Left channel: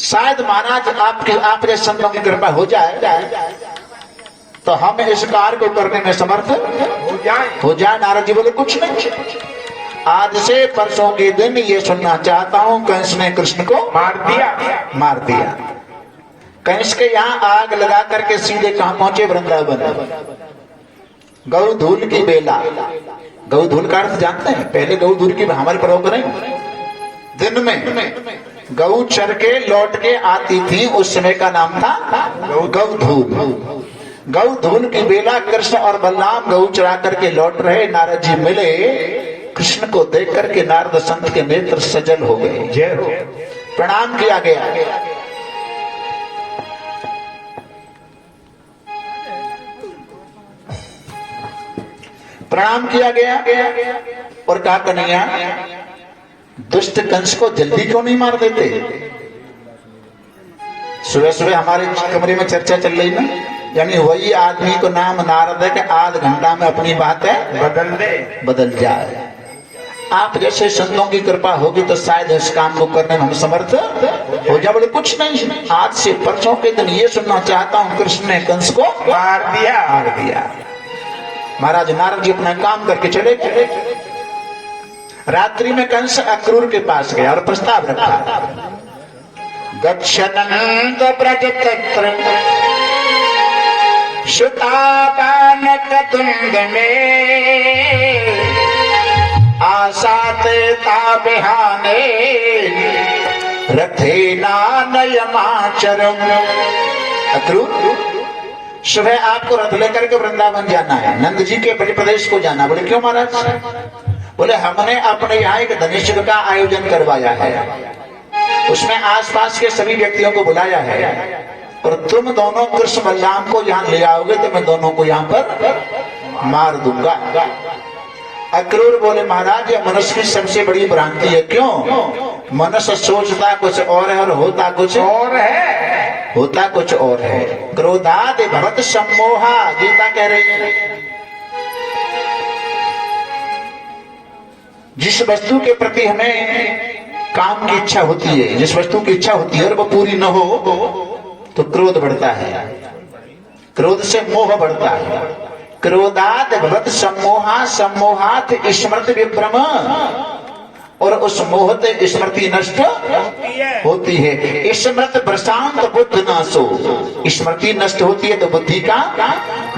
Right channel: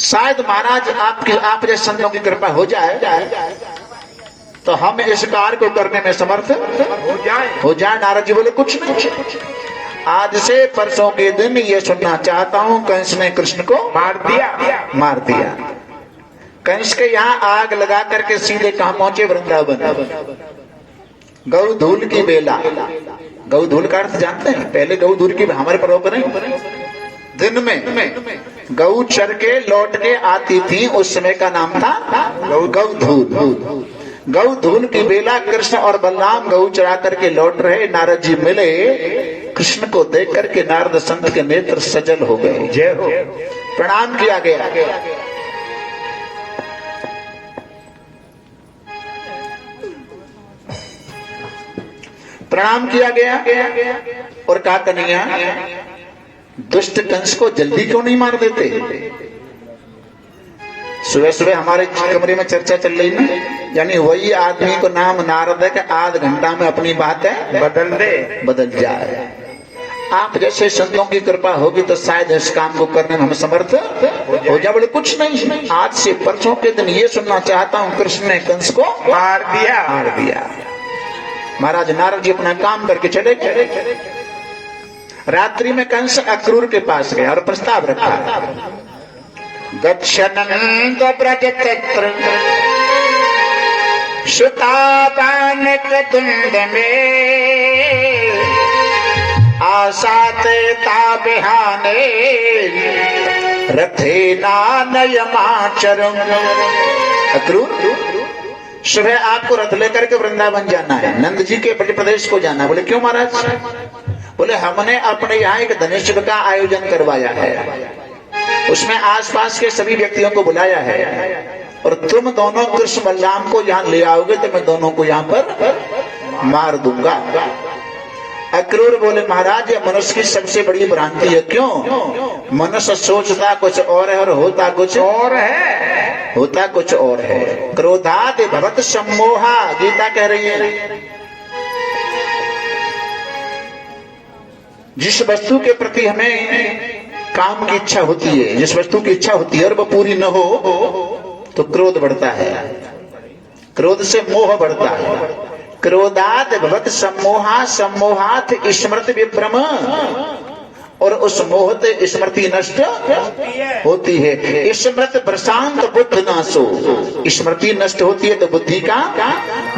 शायद महाराज आप जैसे संतों की कृपा हो जाए तो हम इस कार्य को करने में समर्थ हो जाए। नारद जी बोले कुछ नहीं, आज से परसों के दिन ये सुनना चाहता हूं, कंस ने कृष्ण को मार दिया। कंस के यहाँ आग लगा करके सीधे कहां पहुंचे? वृंदावन। गौधूल की बेला, गौधूल का अर्थ जानते हैं? पहले गौधूल की हमारे प्रयोग नहीं, दिन में गौ चर के लौट के आती थी, उस समय का नाम था गौधूल। गौधूल की बेला कृष्ण और बलराम गौ चरा करके लौट रहे, नारद जी मिले, कृष्ण को देख करके नारद संत के नेत्र सजल हो गए। जय हो। प्रणाम किया गया। प्रणाम किया गया और कहा कन्हैया दुष्ट कंस को जल्दी क्यों नहीं मार देते? सुबह सुबह हमारे कमरे में चर्चा चल रही ना, यानी वही आदमी को नाम नारद है कि आध घंटा में अपनी बात है बदल जाए। आप जैसे संतों की कृपा होगी तो शायद इस काम को करने में हम समर्थ हो जाए। बोले कुछ नहीं, आज से परसों के दिन ये सुनना चाहता हूँ, कृष्ण ने कंस को मार दिया। महाराज नारद जी अपना काम करके चले गए। रात्रि में कंस अक्रूर के पास गया और प्रस्ताव रखा, गच्छनंद ब्रज तत्र सुतापानक तुंड में आसाते ताबिहाने रथे नानयमाचरम। अक्रूर सुबह आपको रथ लेकर के वृंदावन जाना है, नंद जी के ब्रज प्रदेश को जाना। बोले क्यों महाराज? बोले हमने अपने यहाँ एक धनेश्वर का आयोजन करवाया है, उसमें आसपास के सभी व्यक्तियों को बुलाया है, और तुम दोनों कृष्ण बलराम को यहाँ ले आओगे तो मैं दोनों को यहाँ पर मार दूंगा। अक्रूर बोले महाराज ये मनुष्य की सबसे बड़ी भ्रांति है। क्यों? मनुष्य सोचता कुछ और है और होता कुछ और है, होता कुछ और है। क्रोधाद भवत सम्मोहा, गीता कह रही है। जिस वस्तु के प्रति हमें काम की इच्छा होती है, जिस वस्तु की इच्छा होती है और वो पूरी न हो तो क्रोध बढ़ता है, क्रोध से मोह बढ़ता है। क्रोधात भवत सम्मोहा, सम्मोहात स्मृति विभ्रम, और उस मोहत स्मृति नष्ट होती है। स्मृति प्रशांत बुद्ध नाशो, स्मृति नष्ट होती है तो बुद्धि का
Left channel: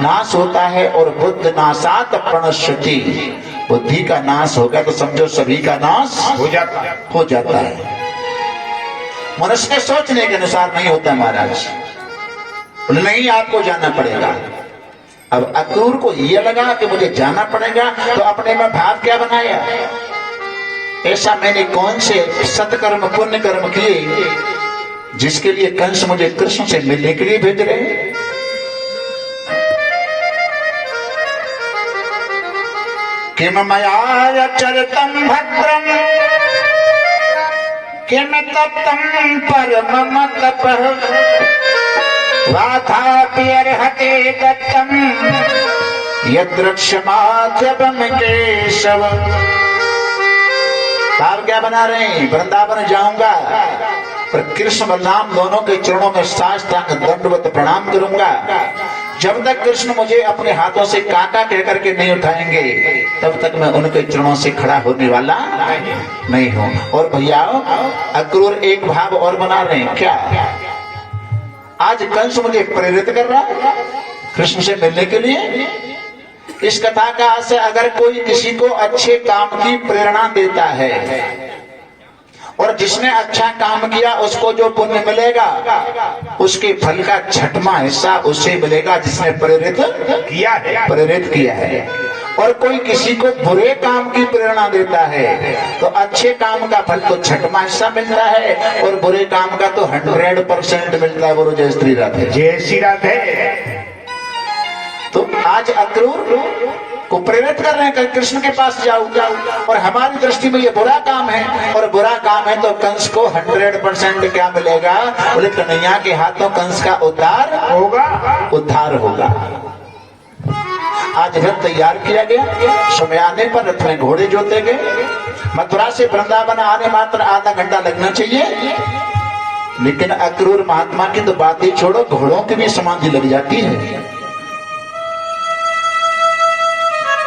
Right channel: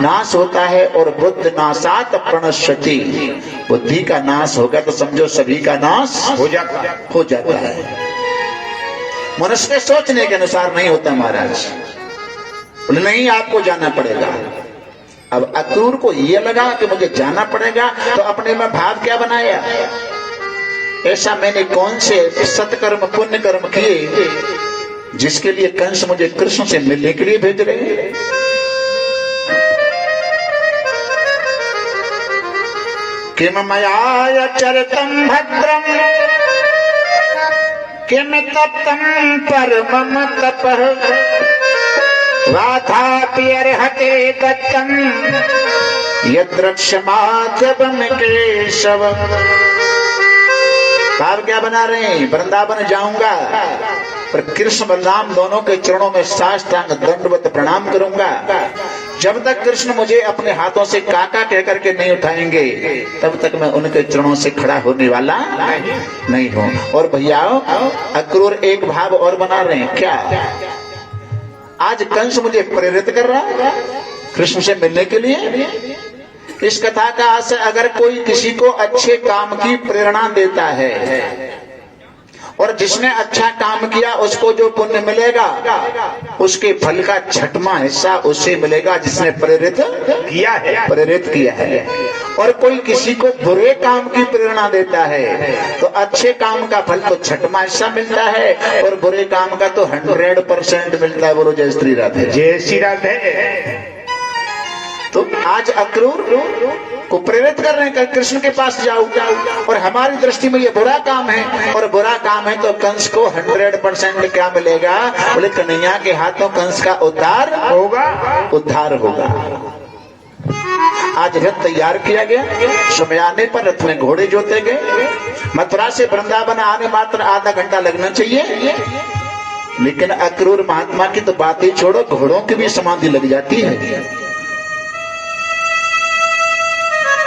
नाश होता है, और बुद्ध नाशात प्रणश्यति, बुद्धि का नाश होगा तो समझो सभी का नाश हो जाता है। मनुष्य में सोचने के अनुसार नहीं होता महाराज। नहीं, आपको जाना पड़ेगा। अब अक्रूर को यह लगा कि मुझे जाना पड़ेगा, तो अपने में भाव क्या बनाया, ऐसा मैंने कौन से सत्कर्म पुण्य कर्म किए जिसके लिए कंस मुझे कृष्ण से मिलने के लिए भेज रहे हैं। किम मया चरितम भद्रम किम तप्तम परमम तपः वाथापि अर्हते दत्तम यद्रक्षमा जबम केशव। आप क्या बना रहे हैं? वृंदावन जाऊंगा पर कृष्ण बलराम दोनों के चरणों में साष्टांग दंडवत प्रणाम करूंगा। जब तक कृष्ण मुझे अपने हाथों से काका कह करके नहीं उठाएंगे तब तक मैं उनके चरणों से खड़ा होने वाला नहीं हूं। और भैया अक्रूर एक भाव और बना रहे हैं। क्या? आज कंस मुझे प्रेरित कर रहा है कृष्ण से मिलने के लिए। इस कथा का आशय, अगर कोई किसी को अच्छे काम की प्रेरणा देता है और जिसने अच्छा काम किया उसको जो पुण्य मिलेगा उसके फल का छठवां हिस्सा उससे मिलेगा जिसने प्रेरित किया है। और कोई किसी को बुरे काम की प्रेरणा देता है तो अच्छे काम का फल तो छठवां हिस्सा मिलता है और बुरे काम का तो 100% मिलता है। बोलो जय श्री राधे। जय श्री राधे। तो आज अक्रूर को प्रेरित कर रहे हैं कि कृष्ण के पास जाओ, और हमारी दृष्टि में ये बुरा काम है, और बुरा काम है तो कंस को 100% क्या मिलेगा? बोले कन्हैया के हाथों कंस का उद्धार होगा। आज रथ तैयार किया गया। समय आने पर रथ में घोड़े जोते गए। मथुरा से वृंदावन आने मात्र आधा घंटा लगना चाहिए, लेकिन अक्रूर महात्मा की तो बात ही छोड़ो, घोड़ों की भी समाधि लग जाती है।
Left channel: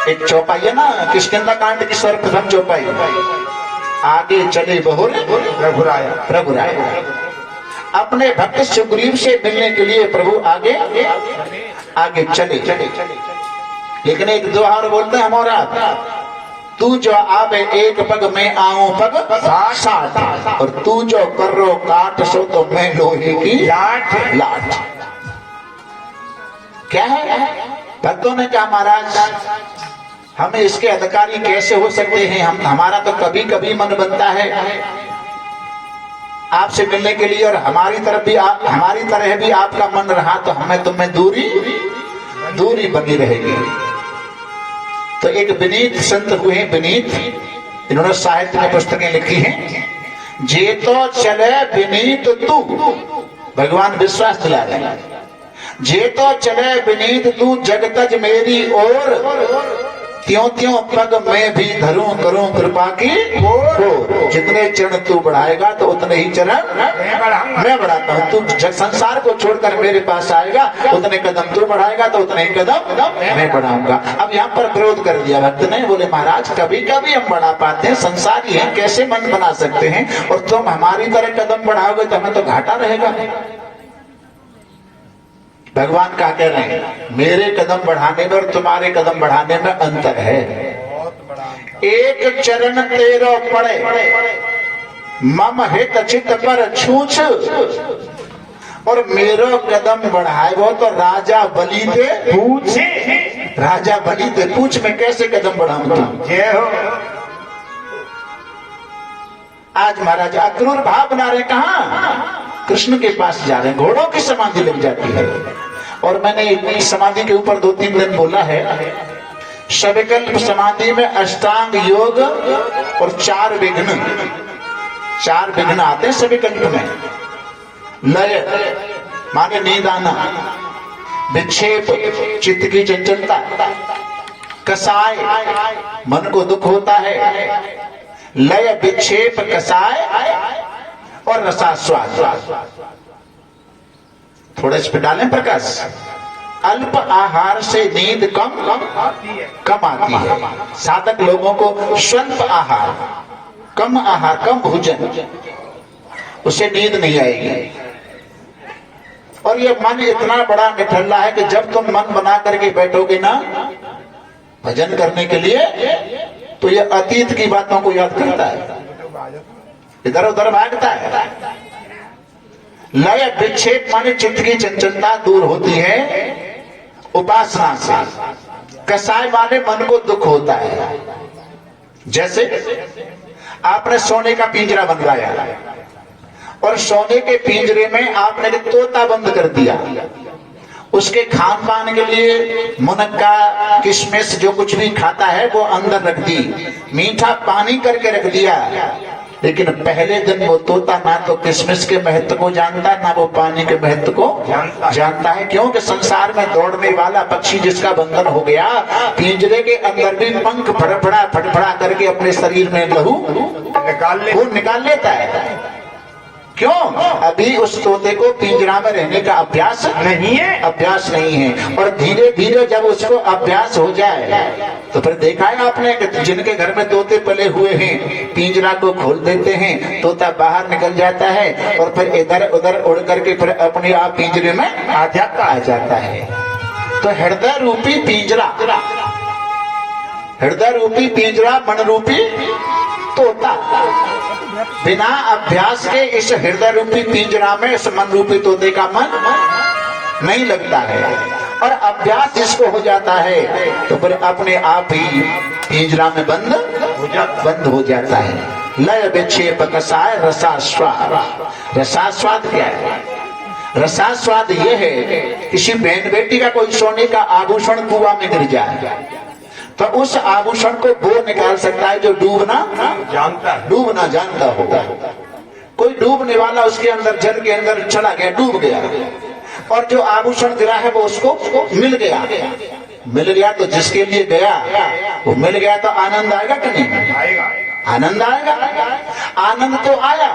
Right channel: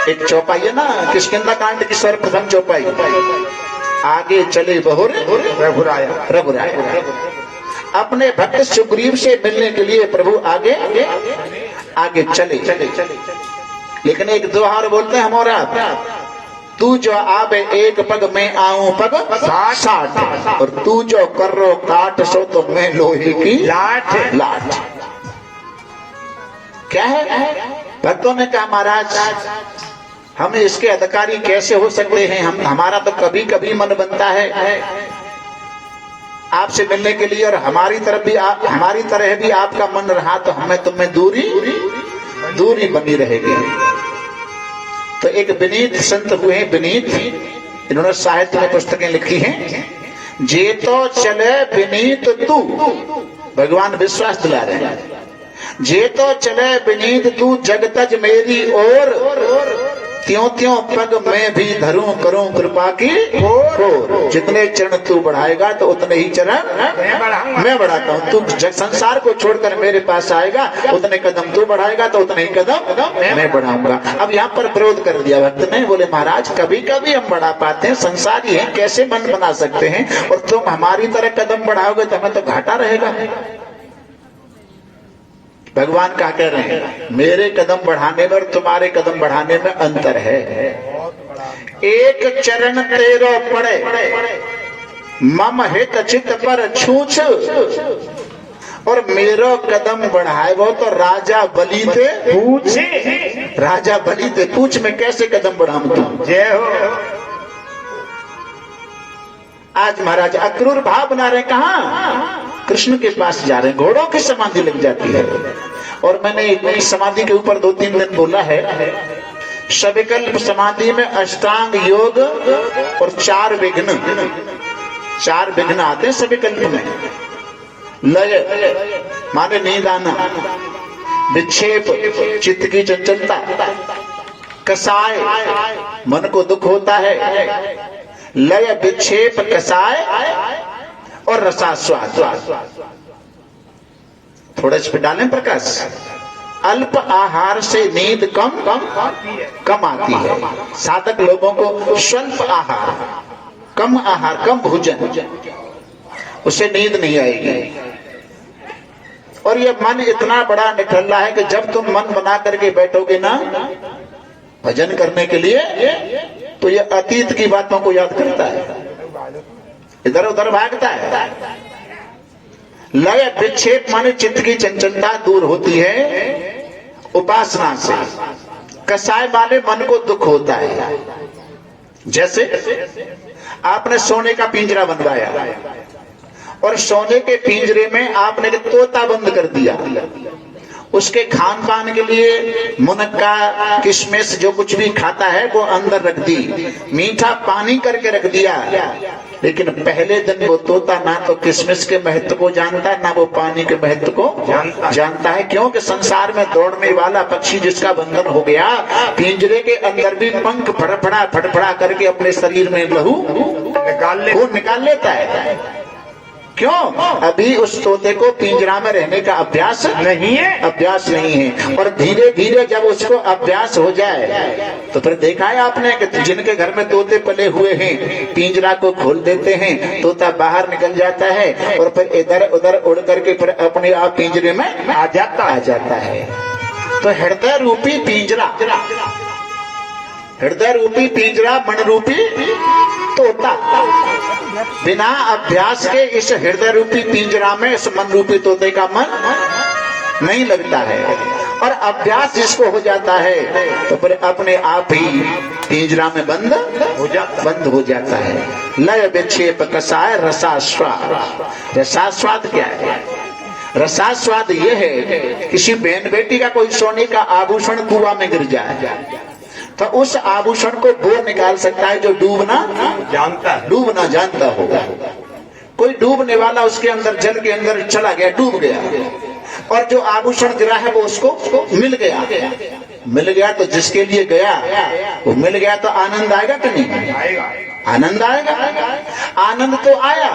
एक चौपाई है ना किष्किंधा कांड की सर्वप्रथम चौपाई, आगे चले बहुर रघुराया। अपने भक्त सुग्रीव से मिलने के लिए प्रभु आगे आगे चले। लेकिन एक दो और बोलते हैं हमारा, तू जो आवे एक पग में आऊं पग 60, और तू जो कर्रो काट सो तो मैं लोहे की लाठ। क्या है? भक्तों ने कहा महाराज हम इसके अधिकारी कैसे हो सकते हैं, हमारा तो कभी कभी मन बनता है आपसे मिलने के लिए, और हमारी तरह भी आपका मन रहा तो हमें तुम्हें दूरी बनी रहेगी। तो एक विनीत संत हुए हैं, विनीत, इन्होंने साहित्य में पुस्तकें लिखी हैं। जे तो चले विनीत तू, भगवान विश्वास दिला रहे हैं, जे तो चले विनीत तू जगतज मेरी ओर, त्यों त्यों पग में भी धरूं करूं कृपा की ओर। जितने चरण तू बढ़ाएगा तो उतने ही चरण मैं बढ़ाता हूं। तू संसार को छोड़कर मेरे पास आएगा, उतने कदम तू बढ़ाएगा तो उतने ही कदम मैं बढ़ाऊंगा। अब यहाँ पर विरोध कर दिया भक्त ने, बोले महाराज कभी कभी हम बढ़ा पाते हैं, संसार ही है, कैसे मन बना सकते हैं, और तुम हमारी तरह कदम बढ़ाओगे तो हमें तो घाटा रहेगा। भगवान क्या कह रहे हैं, मेरे कदम बढ़ाने में और तुम्हारे कदम बढ़ाने में अंतर है। एक चरण तेरा पड़े मम हित चित पर छूछ, और मेरो कदम बढ़ाए वो तो राजा बलि ते पूछ। राजा बलि ते पूछ में कैसे कदम बढ़ाऊं तुम। जय हो। आज महाराज अक्रूर भाव बना रहे, कहा कृष्ण के पास जा रहे हैं, घोड़ों की समाधि लग जाती है। और मैंने इस समाधि के ऊपर 2-3 दिन बोला है, सविकल्प समाधि में अष्टांग योग और 4 विघ्न आते हैं सविकल्प में। लय माने नींद आना, विक्षेप चित्त की चंचलता, कसाय मन को दुख होता है, लय विक्षेप कसाय और रसास्वाद। थोड़ा इस पे डालें प्रकाश। अल्प आहार से नींद कम आती है। साधक लोगों को स्वल्प आहार, कम भोजन, उसे नींद नहीं आएगी। और ये मन इतना बड़ा निठल्ला है कि जब तुम मन बना करके बैठोगे ना भजन करने के लिए, तो ये अतीत की बातों को याद करता है, इधर उधर भागता है। लय विक्षेप माने चित्त की चंचलता दूर होती है उपासना से। कसाय माने मन को दुख होता है। जैसे आपने सोने का पिंजरा बनवाया और सोने के पिंजरे में आपने तोता बंद कर दिया, उसके खान पान के लिए मुनक्का किशमिश जो कुछ भी खाता है वो अंदर रख दी, मीठा पानी करके रख दिया। लेकिन पहले दिन वो तोता ना तो किशमिश के महत्व को जानता, ना वो पानी के महत्व को जानता है। क्योंकि संसार में दौड़ने वाला पक्षी जिसका बंधन हो गया, पिंजरे के अंदर भी पंख फड़फड़ा करके अपने शरीर में लहू निकाल लेता है। क्यों? अभी उस तोते को पिंजरा में रहने का अभ्यास नहीं है। और धीरे धीरे जब उसको अभ्यास हो जाए तो फिर देखा है आपने कि जिनके घर में तोते पले हुए हैं, पिंजरा को खोल देते हैं, तोता बाहर निकल जाता है और फिर इधर उधर उड़ करके फिर अपने आप पिंजरे में आ जाता है। तो हृदय रूपी पिंजरा मन रूपी तोता, बिना अभ्यास के इस हृदय रूपी पिंजरा में इस मन रूपी तोते का मन नहीं लगता है। और अभ्यास जिसको हो जाता है तो फिर अपने आप ही पिंजरा में बंद हो जाता है। लय विक्षेप कसाय रसास्वाद क्या है? रसास्वाद यह है, किसी बहन बेटी का कोई सोने का आभूषण कुआं में गिर जाए तो उस आभूषण को वो निकाल सकता है जो डूबना जानता होगा। कोई डूबने वाला उसके अंदर जल के अंदर चला गया, डूब गया, और जो आभूषण गिरा है वो उसको मिल गया, मिल गया तो जिसके लिए गया वो मिल गया तो आनंद आएगा कि नहीं? आनंद आएगा। आनंद तो आया,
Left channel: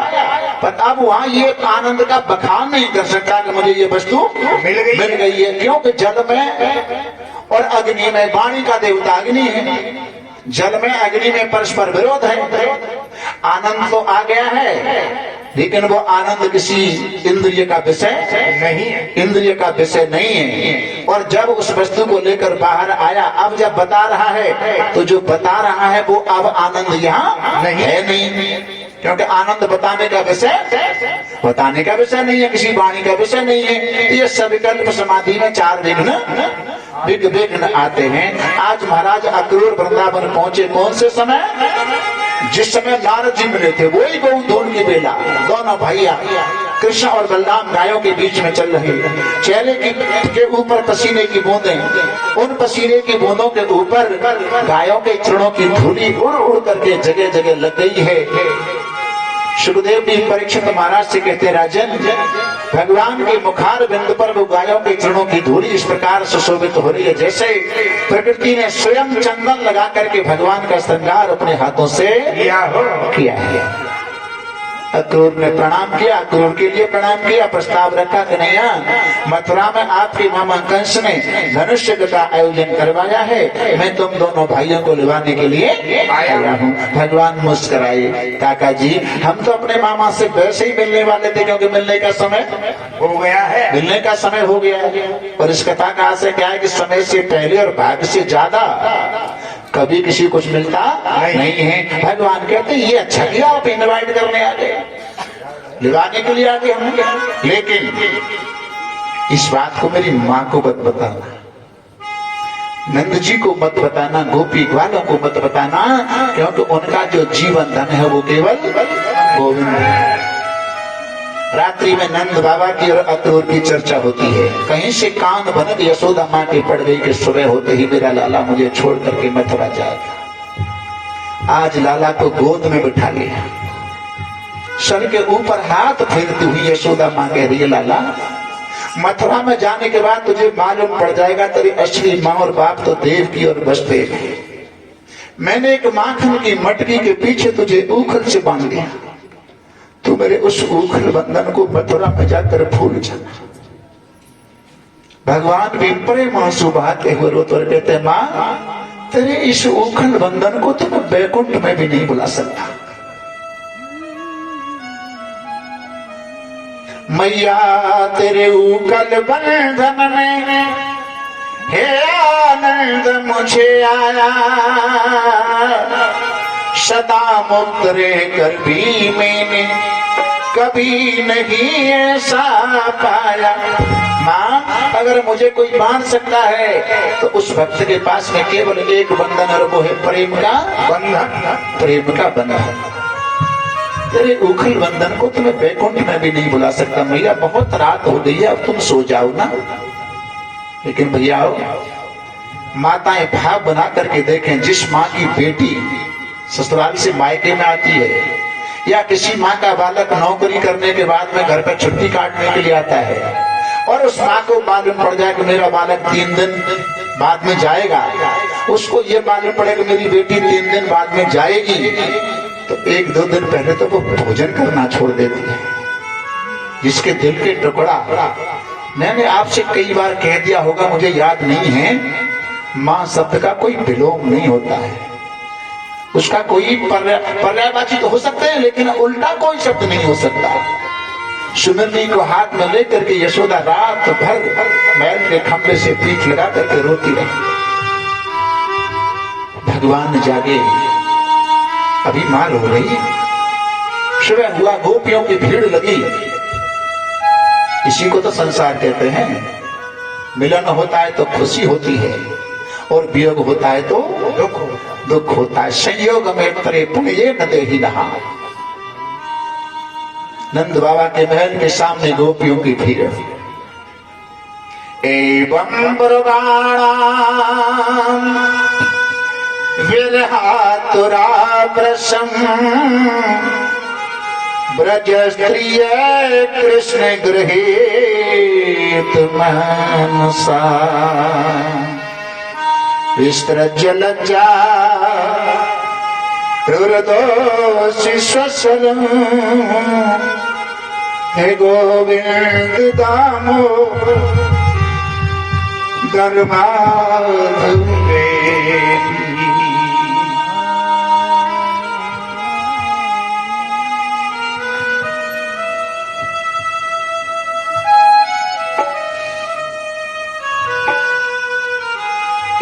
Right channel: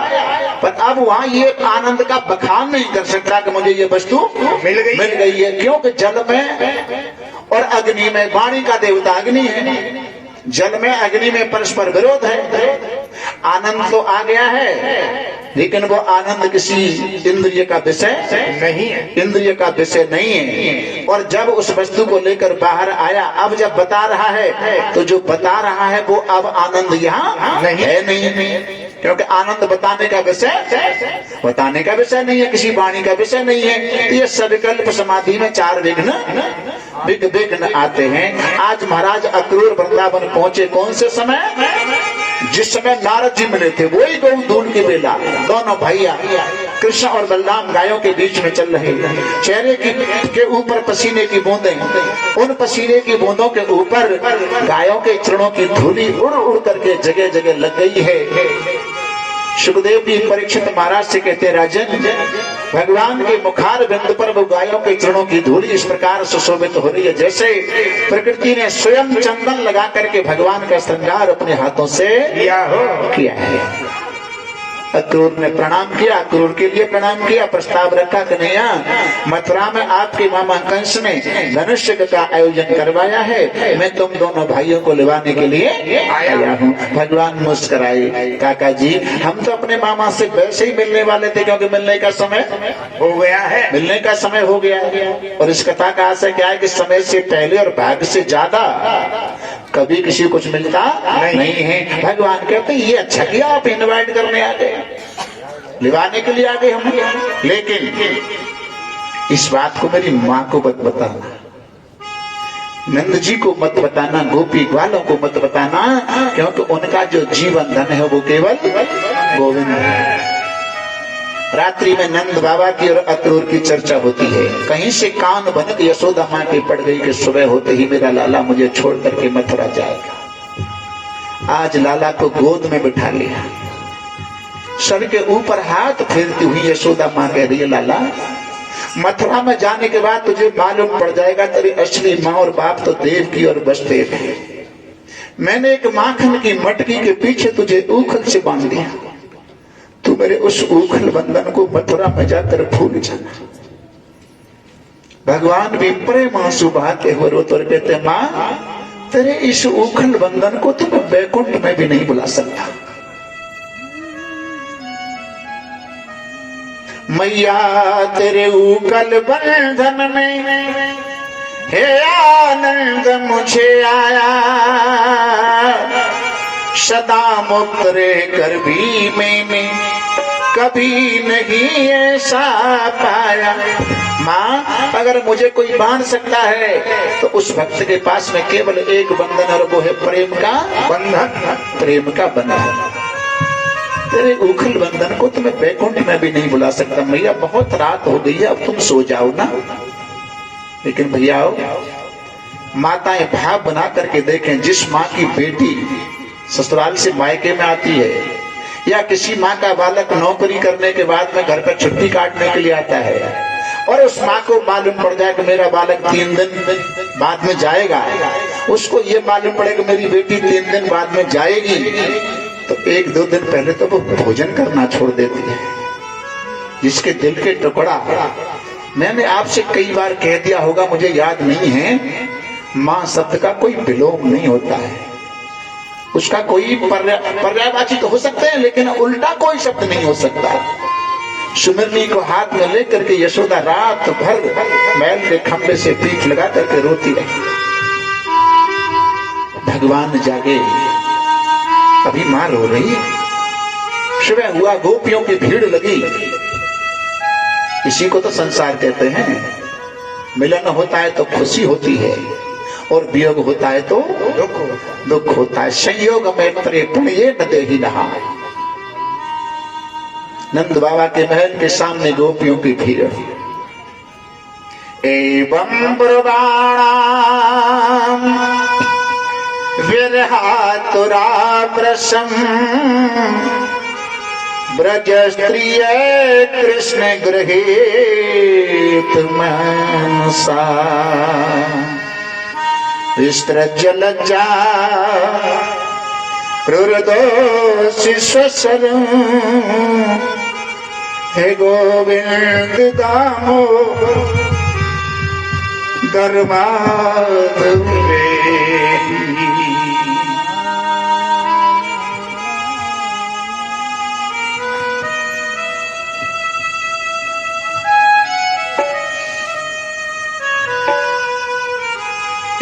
पर अब वहां ये आनंद का बखान नहीं कर सकता कि मुझे ये वस्तु मिल गई है। क्योंकि जल में और अग्नि में, वाणी का देवता अग्नि है, जल में अग्नि में परस्पर विरोध है। आनंद तो आ गया है, लेकिन वो आनंद किसी इंद्रिय का विषय नहीं है, इंद्रिय का विषय नहीं है। और जब उस वस्तु को लेकर बाहर आया, अब जब बता रहा है तो जो बता रहा है वो अब आनंद यहाँ है नहीं, क्योंकि आनंद बताने का विषय नहीं है, किसी वाणी का विषय नहीं है। ये सविकल्प समाधि में 4 विघ्न आते हैं। आज महाराज अक्रूर वृंदावन पहुंचे कौन से समय? जिस समय नारद जी मिले थे, वही गोधूल की बेला। दोनों भैया कृष्ण और बलराम गायों के बीच में चल रहे, चेहरे के ऊपर पसीने की बूंदें, उन पसीने की बूंदों के ऊपर गायों के चरणों की धूली उड़ उड़ करके जगह जगह लग गई है। सुखदेव जी परीक्षित महाराज से कहते, राजन, भगवान के मुखार बिंदु पर वो गायों के चरणों की धूली इस प्रकार सुशोभित हो रही है जैसे प्रकृति ने स्वयं चंदन लगा करके भगवान का श्रृंगार अपने हाथों से किया है। अक्रूर ने प्रणाम किया, अक्रूर के लिए प्रणाम किया, प्रस्ताव रखा कि नहीं, मथुरा में आपके मामा कंस ने धनुष्य का आयोजन करवाया है, मैं तुम दोनों भाइयों को लिवाने के लिए आया हूँ। भगवान मुस्कुराए, काका जी हम तो अपने मामा से वैसे ही मिलने वाले थे, क्योंकि मिलने का समय हो गया है, मिलने का समय हो गया। और इस कथा का आशय क्या है कि समय से पहले और भाग्य से ज्यादा कभी किसी कुछ मिलता नहीं है। भगवान कहते ये अच्छा किया आप इनवाइट करने आ गए, लिवाने के लिए आ गए हम। लेकिन इस बात को मेरी माँ को मत बताना, नंद जी को मत बताना, गोपी ग्वालों को मत बताना, क्योंकि उनका जो जीवन धन है वो केवल गोविंद है। रात्रि में नंद बाबा की और अक्रूर की चर्चा होती है। कहीं से कान भनक यशोदा माँ की पड़ गई कि सुबह होते ही मेरा लाला मुझे छोड़ करके मथुरा जाएगा। आज लाला को गोद में बिठा लिया, सर के ऊपर हाथ फेरती हुई यशोदा माँ कह रही है, लाला मथुरा में जाने के बाद तुझे मालूम पड़ जाएगा तेरी असली माँ और बाप तो देवकी और वसुदेव है। मैंने एक माखन की मटकी के पीछे तुझे ऊखल से बांध दिया, तू मेरे उस ऊखल बंधन को मथुरा में जाकर भूल जाना। भगवान भी प्रेम आंसू बहाते हुए रोते और कहते, माँ तेरे इस ऊखल बंधन को तुम बैकुंठ में भी नहीं बुला सकता। मैया तेरे ऊखल बंधन में हे आनंद मुझे आया, सदा मुक्त रह कर भी मैंने कभी नहीं ऐसा पाया। माँ अगर मुझे कोई बांध सकता है तो उस भक्त के पास में केवल एक बंधन है, वो है प्रेम का बंधन, प्रेम का बंधन। तेरे उखल बंधन को तुम्हें बैकुंठ में भी नहीं बुला सकता। भैया बहुत रात हो गई है, अब तुम सो जाओ ना। लेकिन भैया माताएं भाव बना करके देखें, जिस माँ की बेटी ससुराल से मायके में आती है या किसी माँ का बालक नौकरी करने के बाद में घर पर छुट्टी काटने के लिए आता है और उस माँ को मालूम पड़ जाए कि मेरा बालक 3 दिन बाद में जाएगा, उसको ये मालूम पड़े कि मेरी बेटी 3 दिन बाद में जाएगी, तो 1-2 दिन पहले तो वो भोजन करना छोड़ देती है। जिसके दिल के टुकड़ा, मैंने आपसे कई बार कह दिया होगा, मुझे याद नहीं है, माँ शब्द का कोई विलोम नहीं होता है, उसका कोई पर्यायवाची तो हो सकते हैं लेकिन उल्टा कोई शब्द नहीं हो सकता। सुनंदी को हाथ में लेकर के यशोदा रात भर मैल के खंभे से पीठ लगा करके रोती रही। भगवान जागे, अभी मार हो रही, सुबह हुआ, गोपियों की भीड़ लगी। इसी को तो संसार कहते हैं। मिलन होता है तो खुशी होती है और वियोग होता है तो दुख होता है। संयोग में परे पुण्य न दे ही रहा। नंद बाबा के महल के सामने गोपियों की भीड़। एवं ब्रवाणा विरहातुरा प्रसम ब्रज स्त्रिय कृष्ण गृहीत मनसा। विस्तृज्य लज्जा रुरदोषि स्वसरं हे गोविंद दामो गर्माधुरे।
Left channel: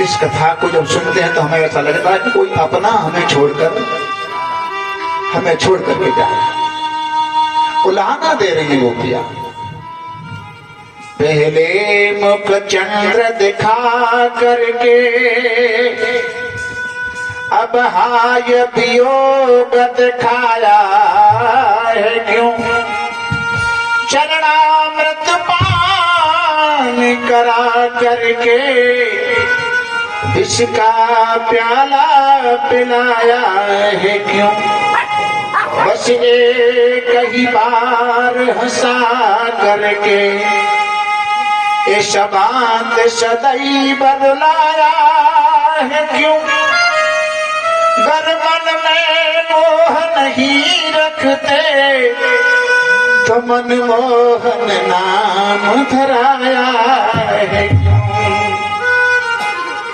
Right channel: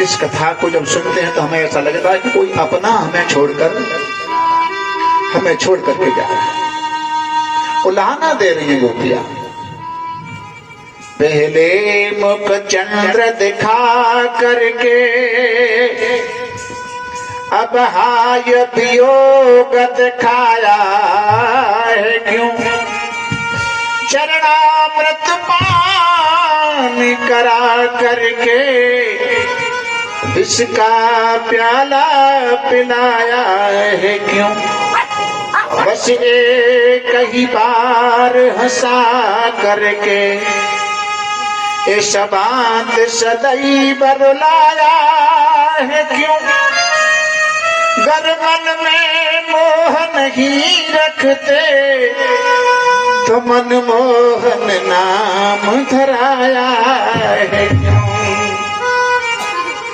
इस कथा को जब सुनते हैं तो हमें ऐसा लगता है कि कोई अपना हमें छोड़ करके जा रहा है। उलाहना दे रही है गोपियां। पहले मुख चंद्र दिखा करके अब हाय वियोग दिखाया है क्यों। चरणामृत पान करा करके इसका प्याला पिलाया है क्यों। बस एक ही बार हंसा करके इस बात सदैव रुलाया है क्यों। गर मन में मोह नहीं रखते तो मनमोहन नाम धराया है क्यों।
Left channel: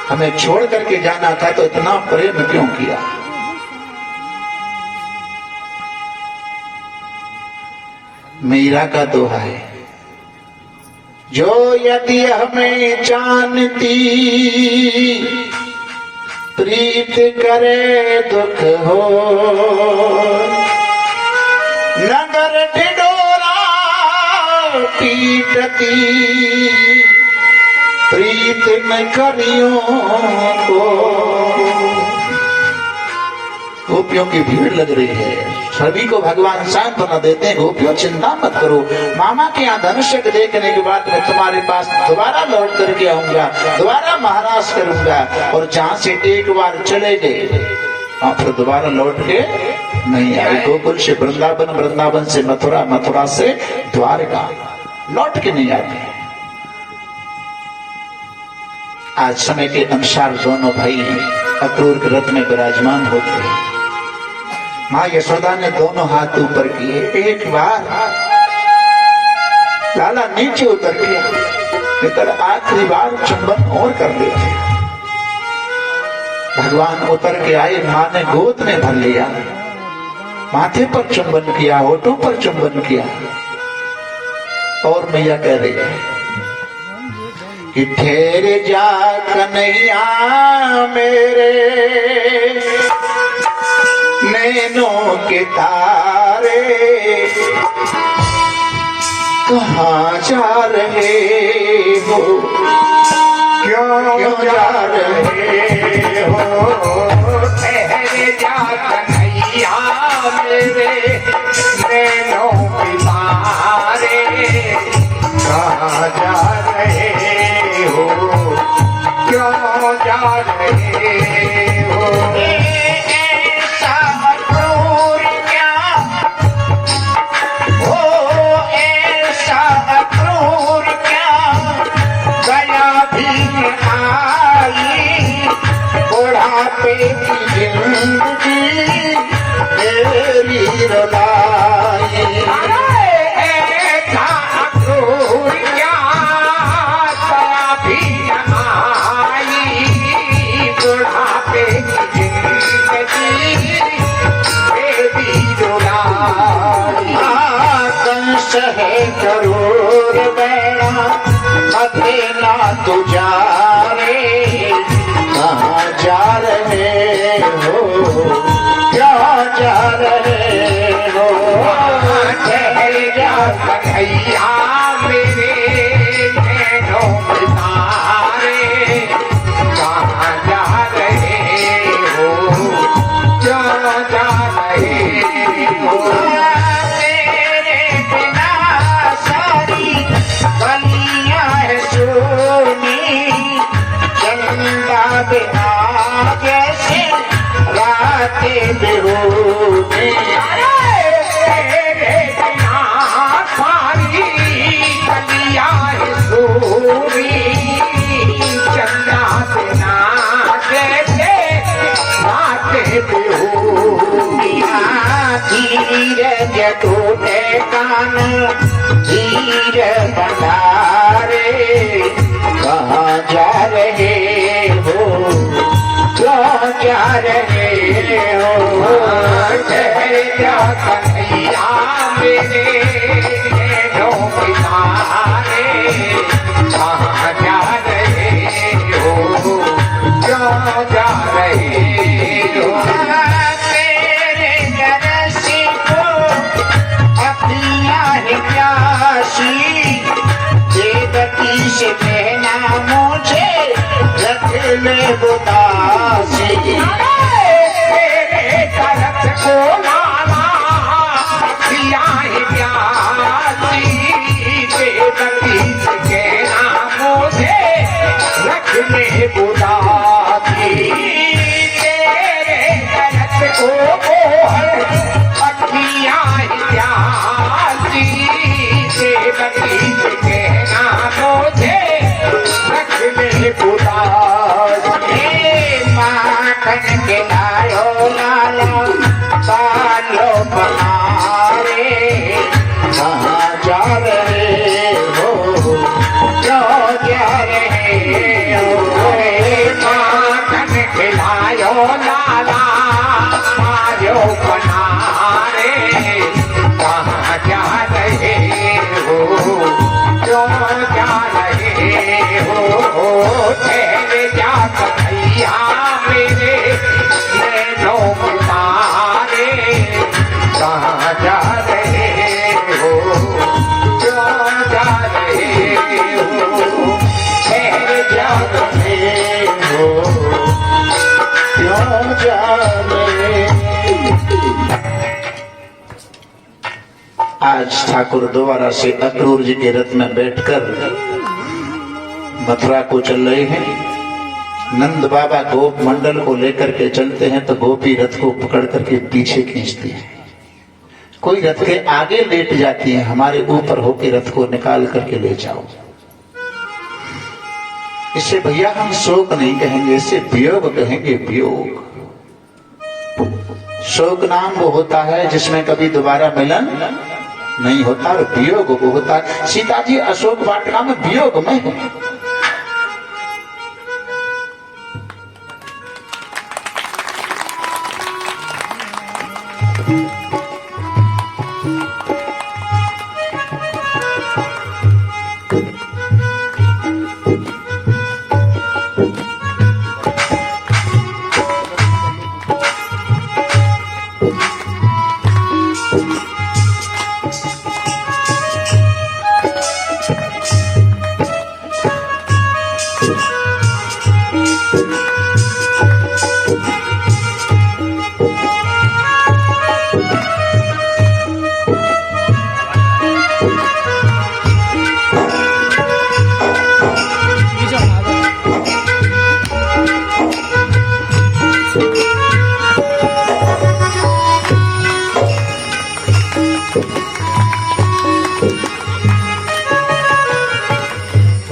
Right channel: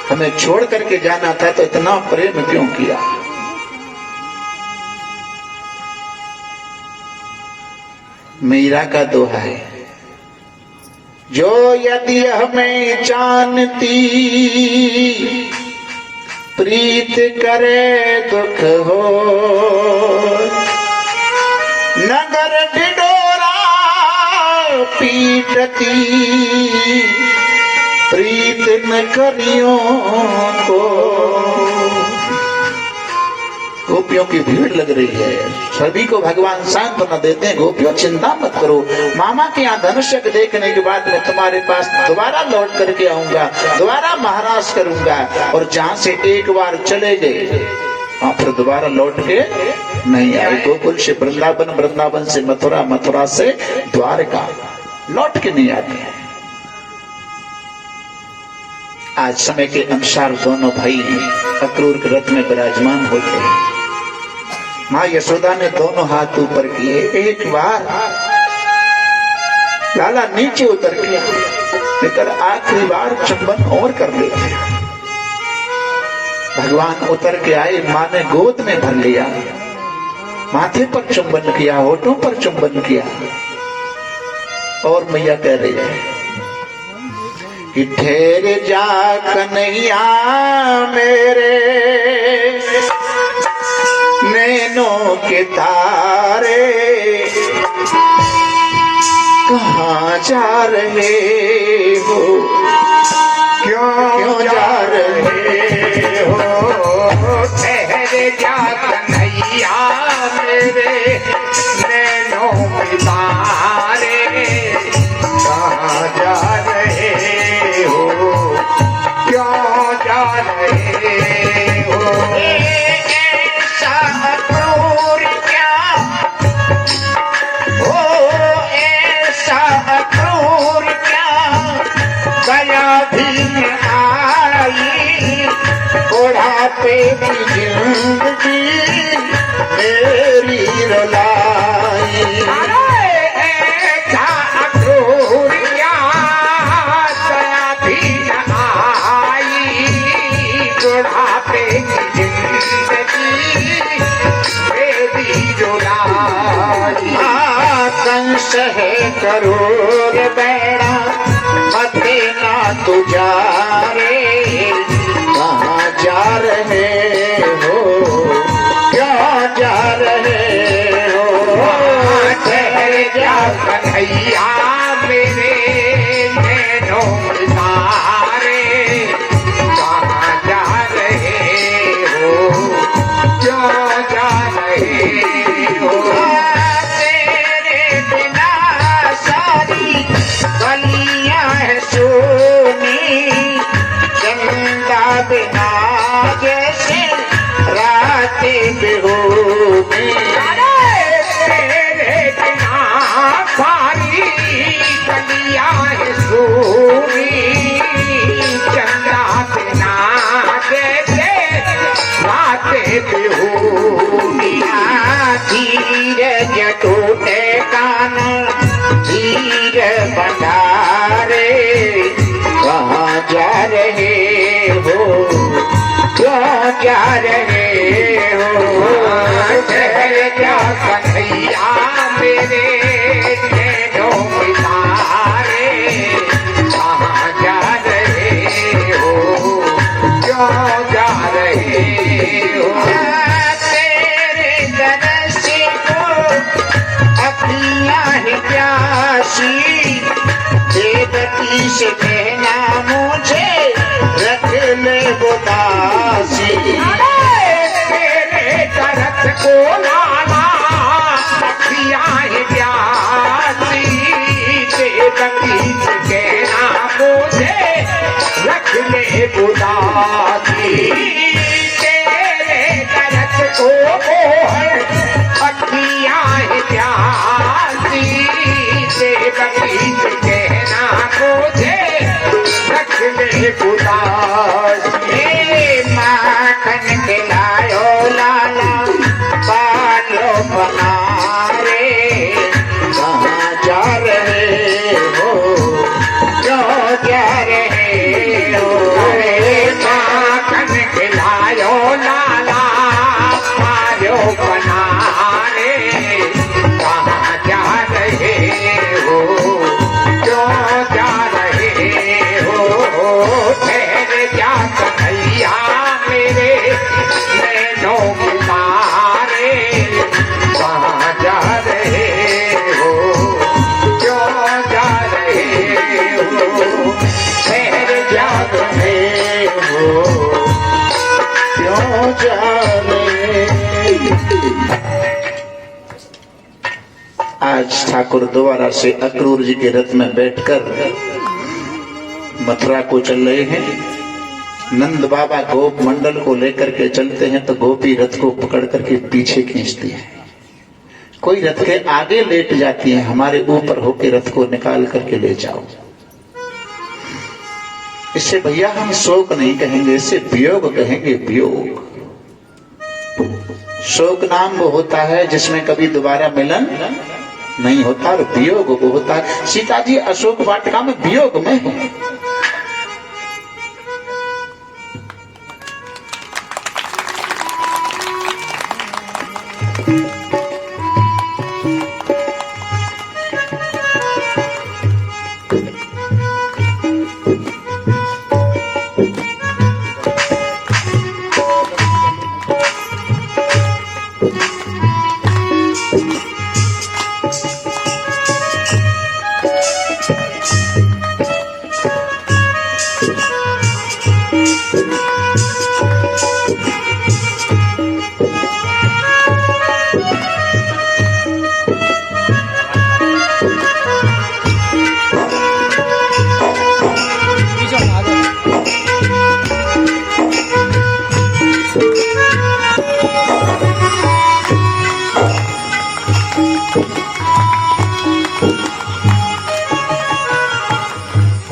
हमें छोड़ करके जाना था तो इतना प्रेम क्यों किया। मीरा का दोहा है, जो यदि हमें जानती प्रीत करे दुख हो। नगर ढिढोरा पीटती प्रीत न करियों को। गोपियों की भीड़ लग रही है, सभी को भगवान सांत्वना देते हैं। गोपियों चिंता मत करो, मामा के यहाँ धनुष्य देखने के बाद मैं तुम्हारे पास दोबारा लौट करके आऊंगा, दोबारा महाराज करूंगा। और जहाँ से एक बार चले गए वहां फिर दोबारा लौट के नहीं आए। गोकुल से वृंदावन, वृंदावन से मथुरा, मथुरा से द्वारका, लौट के नहीं आते हैं। आज समय के अनुसार दोनों भाई अक्रूर के रथ में विराजमान होते हैं। माँ यशोदा ने दोनों हाथ ऊपर किए, एक बार लाला नीचे उतर के लेकर आखिरी बार चुंबन और कर लिया। भगवान उतर के आए, माँ ने गोद में भर लिया, माथे पर चुंबन किया, होठों पर चुंबन किया। और मैया कह रही है कि ठहर जा कन्हैया मेरे नैनों के तारे, कहाँ जा रहे हो, क्यों जा रहे हो। ठहर जा कन्हैया मेरे नैनों के तारे, कहाँ जा रहे हो, क्यों जा रहे हो। ऐसा अक्रूर क्या हो, ऐसा अक्रूर क्या गया भी आई। बुढ़ापे की जिंदगी मेरी रुलाई। ऐसा अक्रूर क्या गया भी आई। बुढ़ापे की जिंदगी मेरी रुलाई। कंस है करोड़ बैरा मते ना तू जा रे, कहाँ जा रहे हो, क्यों जा रहे हो। ठहर जा कन्हैया मेरे नैनों के तारे, कहाँ जा रहे हो, क्यों जा रहे हो। तेरे बिना सारी गलियां है सोनी, धीर भंडारे कहाँ जा रहे हो, क्यों जा रहे हो, ठहर जा कन्हैया मेरे नैनों के तारे, कहाँ जा रहे हो, क्यों जा रहे हो। तेरे गणेश को अखियाँ है प्यासी, देवती से कहना मुझे रख ले उदासी। तेरे तरफ को लाना अखियाँ है प्यासी, देवती से कहना मुझे रख ले उदासी। तेरे तरफ को अखियाँ है प्यासी, देवती से कहना मुझे रख ले उदास। माखन के लायो लाला बालो बनारे, कहाँ जा रहे हो, क्यों जा रहे हो। माखन के लायो लाला बालो बनारे, कहाँ जा रहे हो, क्यों जा रहे हो। ठहर जा कन्हैया मेरे नैनों के तारे, कहाँ जा रहे हो, क्यों जा रहे हो। ठहर जा रहे हो, क्यों जा रहे हो। आज ठाकुर दोबारा से अक्रूर जी के रथ में बैठकर मथुरा को चल रहे हैं। नंद बाबा गोप मंडल को लेकर के चलते हैं तो गोपी रथ को पकड़ करके पीछे खींचती है। कोई रथ के आगे लेट जाती है, हमारे ऊपर होके रथ को निकाल करके ले जाओ। इससे भैया हम शोक नहीं कहेंगे, इससे वियोग कहेंगे, वियोग। शोक नाम वो होता है जिसमें कभी दोबारा मिलन नहीं होता, वियोग वो होता है। सीता जी अशोक वाटिका में वियोग में है।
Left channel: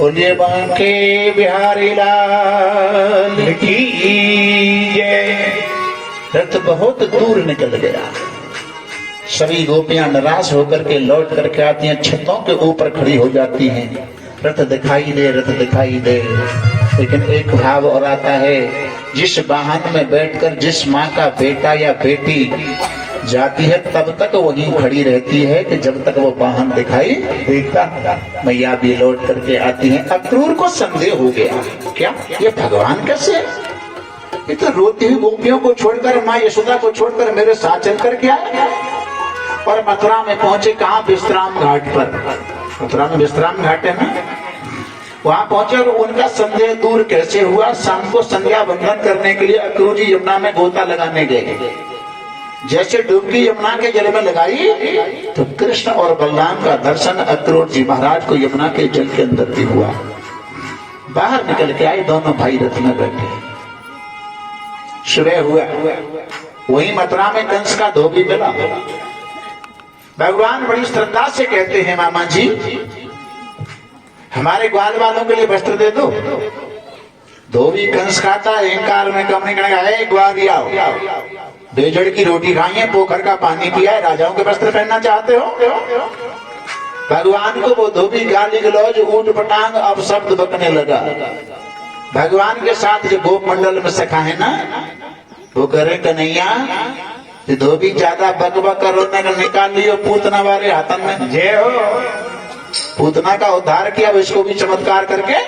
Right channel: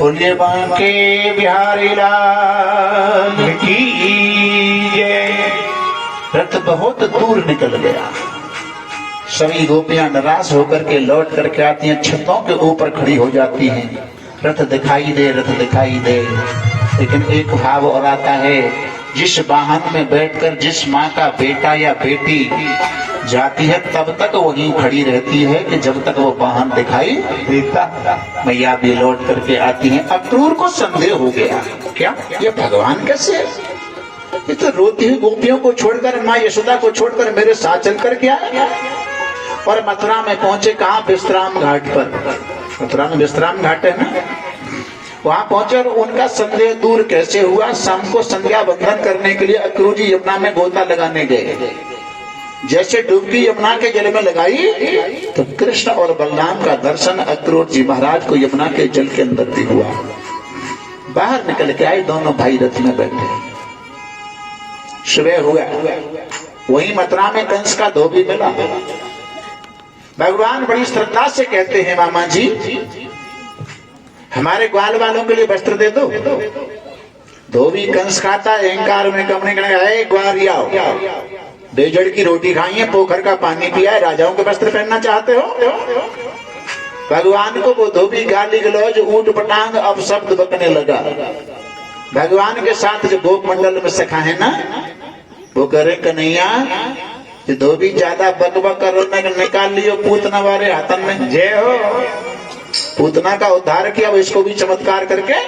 बोलिए बांके बिहारी लाल की जय। रथ बहुत दूर निकल गया। सभी गोपियां निराश होकर के लौट करके आती हैं, छतों के ऊपर खड़ी हो जाती हैं। रथ दिखाई दे, रथ दिखाई दे, लेकिन एक भाव और आता है, जिस वाहन में बैठकर जिस माँ का बेटा या बेटी जाती है तब तक वो यूं खड़ी रहती है कि जब तक वो वाहन दिखाई देता। मैया भी लौट करके आती हैं। अक्रूर को संदेह हो गया, क्या ये भगवान कैसे है? ये तो रोती हुई गोपियों को छोड़कर, माँ यशोदा को छोड़कर मेरे साथ चल कर क्या है? और मथुरा में पहुंचे, कहाँ? विश्राम घाट पर। मथुरा में विश्राम घाट है ना, वहां पहुंचे और उनका संदेह दूर कैसे हुआ? शाम को संध्या बंधन करने के लिए अक्रूर जी यमुना में गोता लगाने गए। जैसे डुबकी यमुना के जल में लगाई तो कृष्ण और बलराम का दर्शन अक्रूर जी महाराज को यमुना के जल के अंदर भी हुआ। बाहर निकल के आए, दोनों भाई रथ में बैठे। सुबह हुआ, वही मथुरा में कंस का धोबी मिला। भगवान बड़ी श्रद्धा से कहते हैं, मामा जी हमारे ग्वाल वालों के लिए वस्त्र दे दो। धोबी कंस खाता, अहंकार में कम नहीं करेगा, ग्वालिया बेजड़ की रोटी खाई है, पोखर का पानी पिया है, राजाओं के वस्त्र पहनना चाहते हो? भगवान को वो धोबी गाली गलौज ऊट पटांग अब शब्द बकने लगा। भगवान के साथ जो गोप मंडल में सखा है ना, वो करे कन्हैया ये धोबी ज्यादा बकबक कर निकाल लियो पूतना वाले हाथन में। जय हो। पूतना का उद्धार किया, इसको भी चमत्कार करके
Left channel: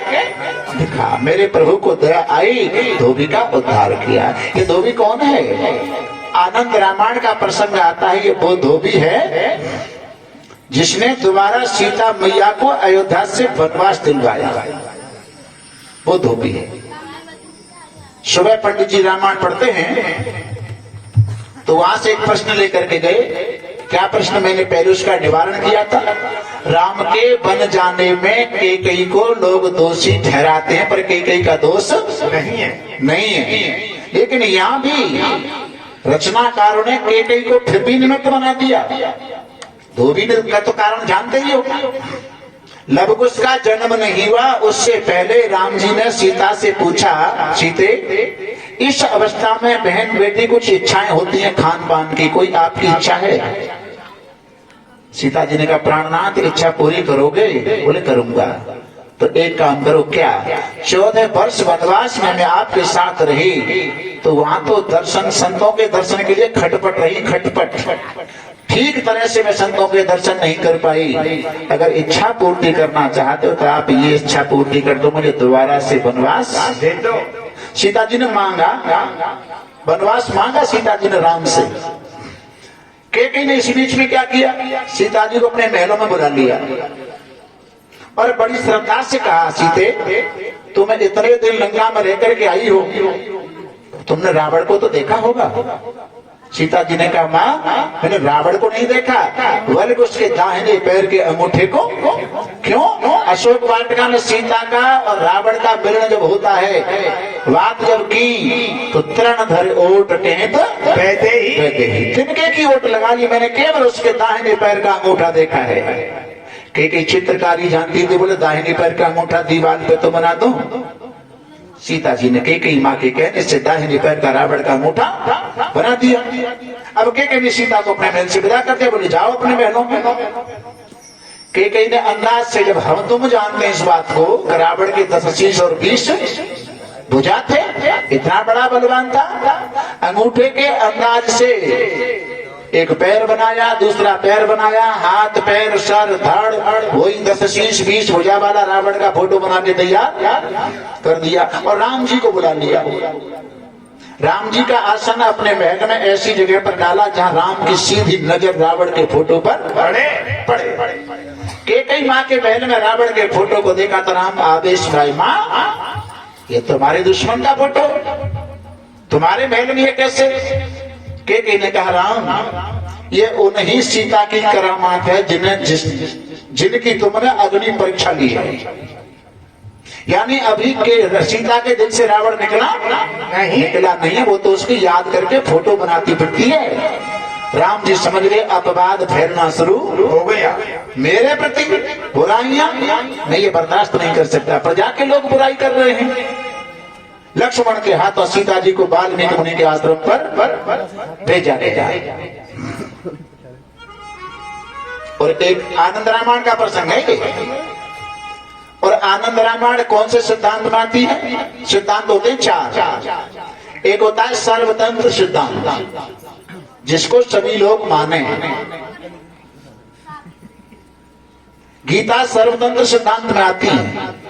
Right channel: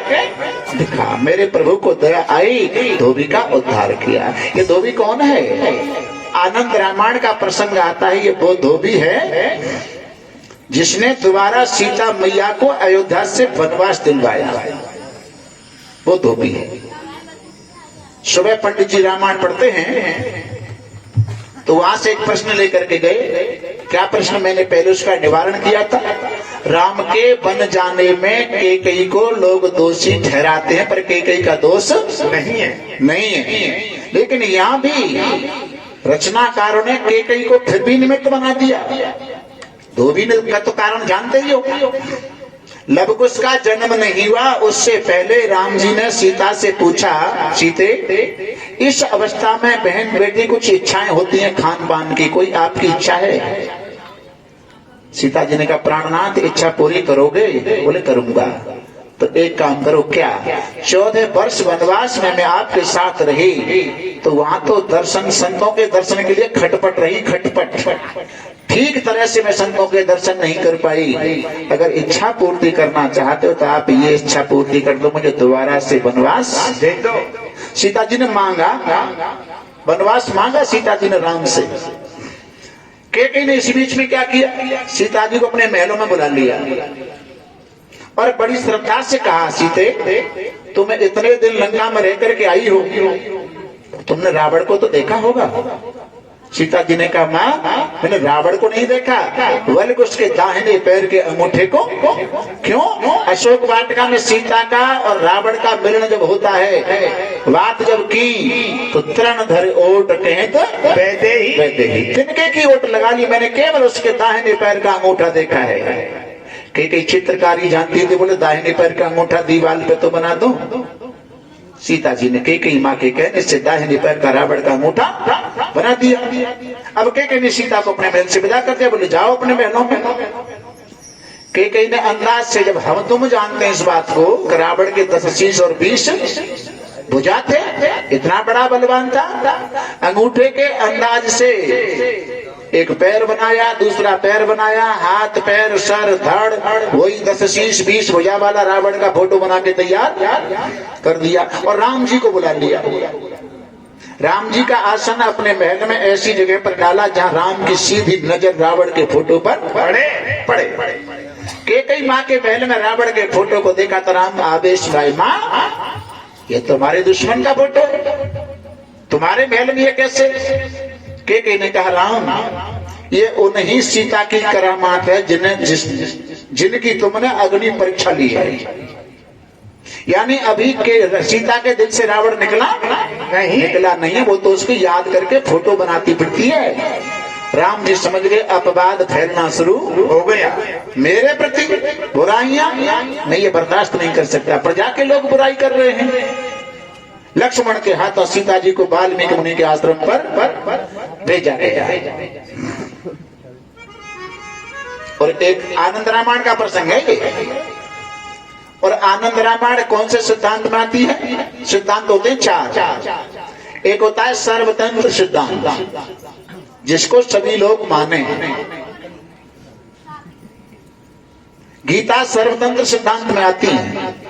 दिखा। मेरे प्रभु को दया आई, धोबी का उद्धार किया। ये धोबी कौन है? आनंद रामायण का प्रसंग आता है। ये वो धोबी है जिसने दोबारा सीता मैया को अयोध्या से वनवास दिलवाया। वो धोबी है। सुबह पंडित जी रामायण पढ़ते हैं तो वहां से एक प्रश्न लेकर के गए। क्या प्रश्न? मैंने पहले उसका निवारण किया था। राम के बन जाने में कैकेयी को लोग दोषी ठहराते हैं, पर कैकेयी का दोष नहीं है। लेकिन यहाँ भी रचनाकारों ने कैकेयी को फिर भी निमित्त बना दिया। धोबी ने का तो कारण जानते ही हो। लवकुश का जन्म नहीं हुआ उससे पहले राम जी ने सीता से पूछा, सीते इस अवस्था में बहन बेटी कुछ इच्छाएं होती हैं खान पान की, कोई आपकी इच्छा है? सीता जी ने कहा, प्राणनाथ इच्छा पूरी करोगे? बोले करूंगा। तो एक काम करो। क्या? 14 वर्ष वनवास में मैं आपके साथ रही तो वहां तो दर्शन, संतों के दर्शन के लिए खटपट रही, खटपट। ठीक तरह से मैं संतों के दर्शन नहीं कर पाई। अगर इच्छा पूर्ति करना चाहते हो तो आप ये इच्छा पूर्ति कर दो, मुझे दोबारा से वनवास दे दो। सीता जी ने मांगा, वनवास मांगा सीता जी ने राम से। कैकेयी ने इस बीच में क्या किया? सीता जी को अपने महलों में बुला लिया और बड़ी श्रद्धा से कहा, सीते तुम्हें इतने दिन लंका में रह करके आई हो, तुमने रावण को तो देखा होगा। सीता जी ने कहा, माँ मैंने रावण को नहीं देखा, बल्कि उसके दाहिने पैर के अंगूठे को। क्यों? अशोक वाटिका में सीता का और रावण का मिलन जब होता है, बात जब की तो तृण धर ओट टेहत वैदे ही, तिनके की ओट लगा ली, मैंने केवल उसके दाहिने पैर का अंगूठा देखा है। कई चित्रकारी जानती थी, बोले दाहिने पैर का अंगूठा दीवार पे तो बना दो। सीता जी ने कैकेयी माँ के कहने से दाहिने पैर का रावण का अंगूठा बना दिया। अब कैकेयी ने सीता को अपने महल से विदा कर दिया, बोले जाओ अपने महलों में। कैकेयी ने अंदाज से, जब हम तुम जानते हैं इस बात को, रावण के 10 शीश और 20 भुजा थे, इतना बड़ा बलवान था। अंगूठे के अंदाज से एक पैर बनाया, दूसरा पैर बनाया, हाथ पैर सर धड़, वही 10 शीश 20 भुजा वाला रावण का फोटो बना के तैयार कर दिया और राम जी को बुला लिया। राम जी का आसन अपने महल में ऐसी जगह पर डाला जहां राम की सीधी नजर रावण के फोटो पर पड़े। कैकेयी माँ के महल में रावण के फोटो को देखा तो राम आदेश भाई, माँ ये तुम्हारे दुश्मन का फोटो तुम्हारे महल में, ये कैसे? कैकेयी ने कहा, राम ये उन्हीं सीता की करामात है जिनकी तुमने अग्नि परीक्षा ली है। यानी अभी के सीता के दिल से रावण निकला नहीं, वो तो उसकी याद करके फोटो बनाती फिरती है। राम जी समझ गए अपवाद फैलना शुरू हो गया, मेरे प्रति बुराइयां मैं ये बर्दाश्त नहीं कर सकता। प्रजा के लोग बुराई कर रहे हैं। लक्ष्मण के हाथों सीता जी को वाल्मीकि मुनि के आश्रम पर भेजा गया। और एक आनंद रामायण का प्रसंग है ये। और आनंद रामायण कौन से सिद्धांत में आती है? सिद्धांत होते हैं 4। एक होता है सर्वतंत्र सिद्धांत, जिसको सभी लोग माने। गीता सर्वतंत्र सिद्धांत में आती है।